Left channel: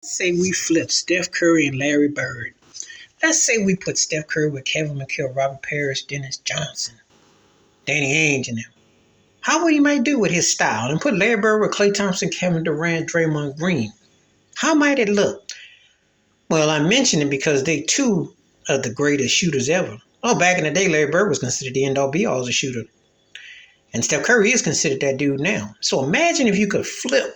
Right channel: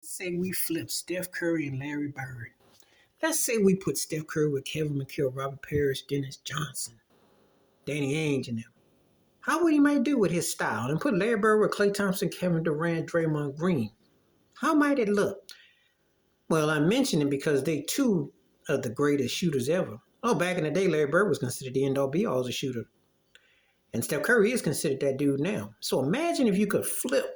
Say we flip Steph Curry and Larry Bird. Let's say we put Steph Curry with Kevin McHale, Robert Parrish, Dennis Johnson, Danny Ainge, and them. How would he might do with his style? And put Larry Bird with Klay Thompson, Kevin Durant, Draymond Green. How might it look? Well, I mention it because they two of the greatest shooters ever. Oh, back in the day, Larry Bird was considered the end-all be-all as a shooter. And Steph Curry is considered that dude now. So imagine if you could flip.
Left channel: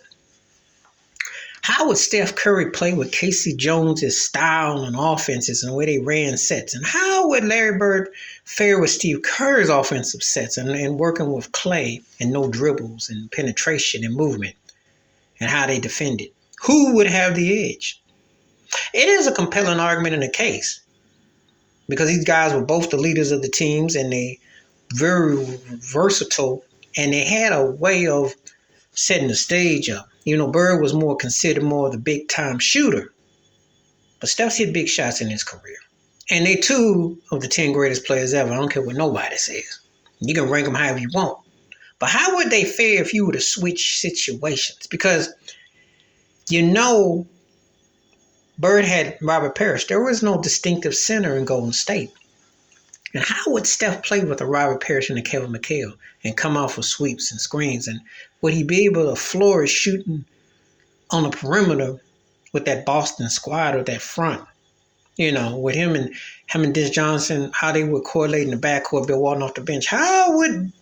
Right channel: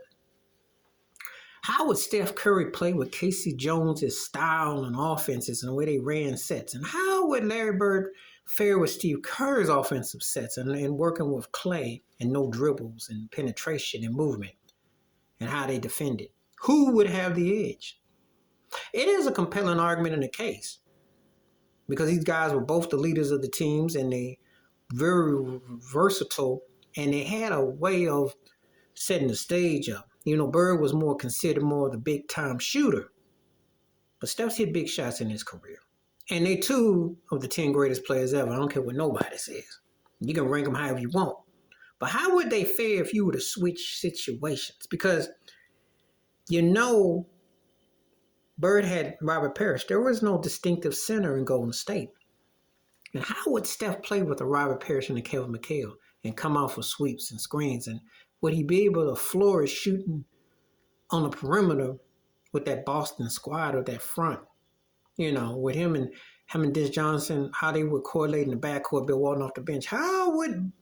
How would Steph Curry play with Casey Jones' style and offenses and the way they ran sets? And how would Larry Bird fare with Steve Kerr's offensive sets and working with Klay and no dribbles and penetration and movement and how they defended? Who would have the edge? It is a compelling argument in the case because these guys were both the leaders of the teams and they very versatile and they had a way of setting the stage up. You know, Bird was considered more of the big time shooter, but Steph's hit big shots in his career. And they two of the 10 greatest players ever. I don't care what nobody says. You can rank them however you want. But how would they fare if you were to switch situations? Because, you know, Bird had Robert Parrish. There was no distinctive center in Golden State. And how would Steph play with a Robert Parrish and a Kevin McHale and come off with sweeps and screens? And would he be able to flourish shooting on the perimeter with that Boston squad or that front? You know, with him and Dennis Johnson, how they would correlate in the backcourt, Bill Walton off the bench. How would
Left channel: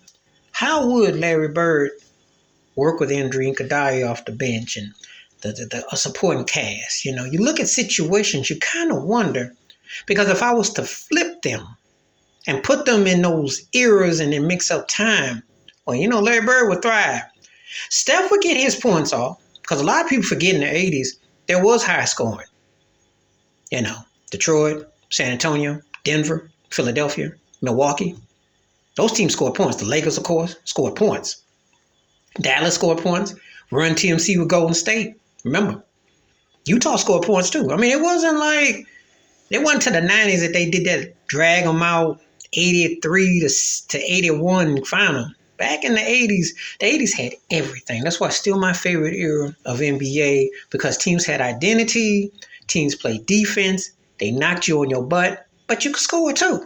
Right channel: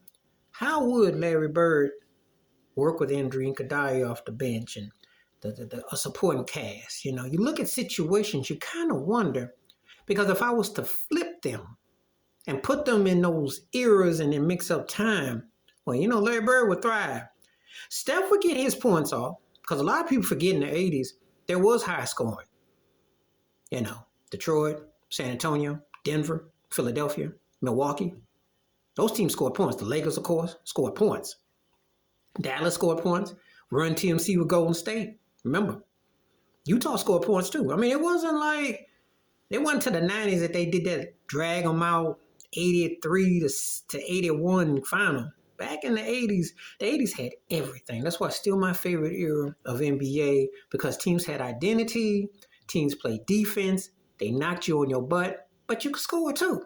Larry Bird work with Andre Iguodala off the bench and the supporting cast? You know, you look at situations, you kind of wonder, because if I was to flip them and put them in those eras and then mix up time, well, you know, Larry Bird would thrive. Steph would get his points off because a lot of people forget in the 80s, there was high scoring. You know, Detroit, San Antonio, Denver, Philadelphia, Milwaukee. Those teams scored points. The Lakers, of course, scored points. Dallas scored points. Run TMC with Golden State. Remember, Utah scored points too. I mean, it wasn't to the 90s that they did that drag them out 83 to 81 final. Back in the 80s had everything. That's why it's still my favorite era of NBA because teams had identity, teams played defense, they knocked you on your butt, but you could score too.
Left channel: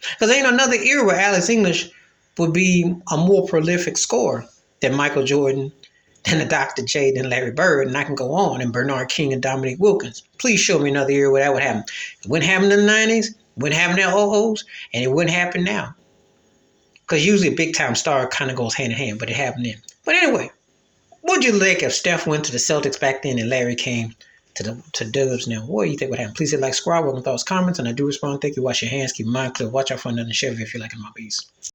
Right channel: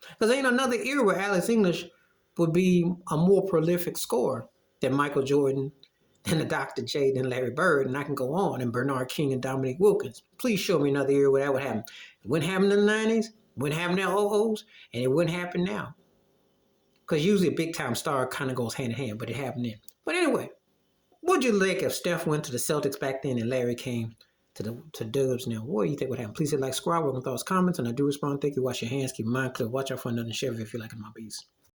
Because ain't another era where Alex English would be a more prolific scorer than Michael Jordan, than the Dr. J, than Larry Bird, and I can go on, and Bernard King and Dominique Wilkins. Please show me another era where that would happen. It wouldn't happen in the 90s, it wouldn't happen in the 00s, and it wouldn't happen now. Because usually a big-time star kind of goes hand-in-hand, but it happened then. But anyway, what would you like if Steph went to the Celtics back then and Larry came to Dubs now? What do you think would happen? Please hit like, subscribe, welcome thoughts, comments, and I do respond. Thank you. Wash your hands, keep your mind clear, watch out for another Chevy if you're liking my beats.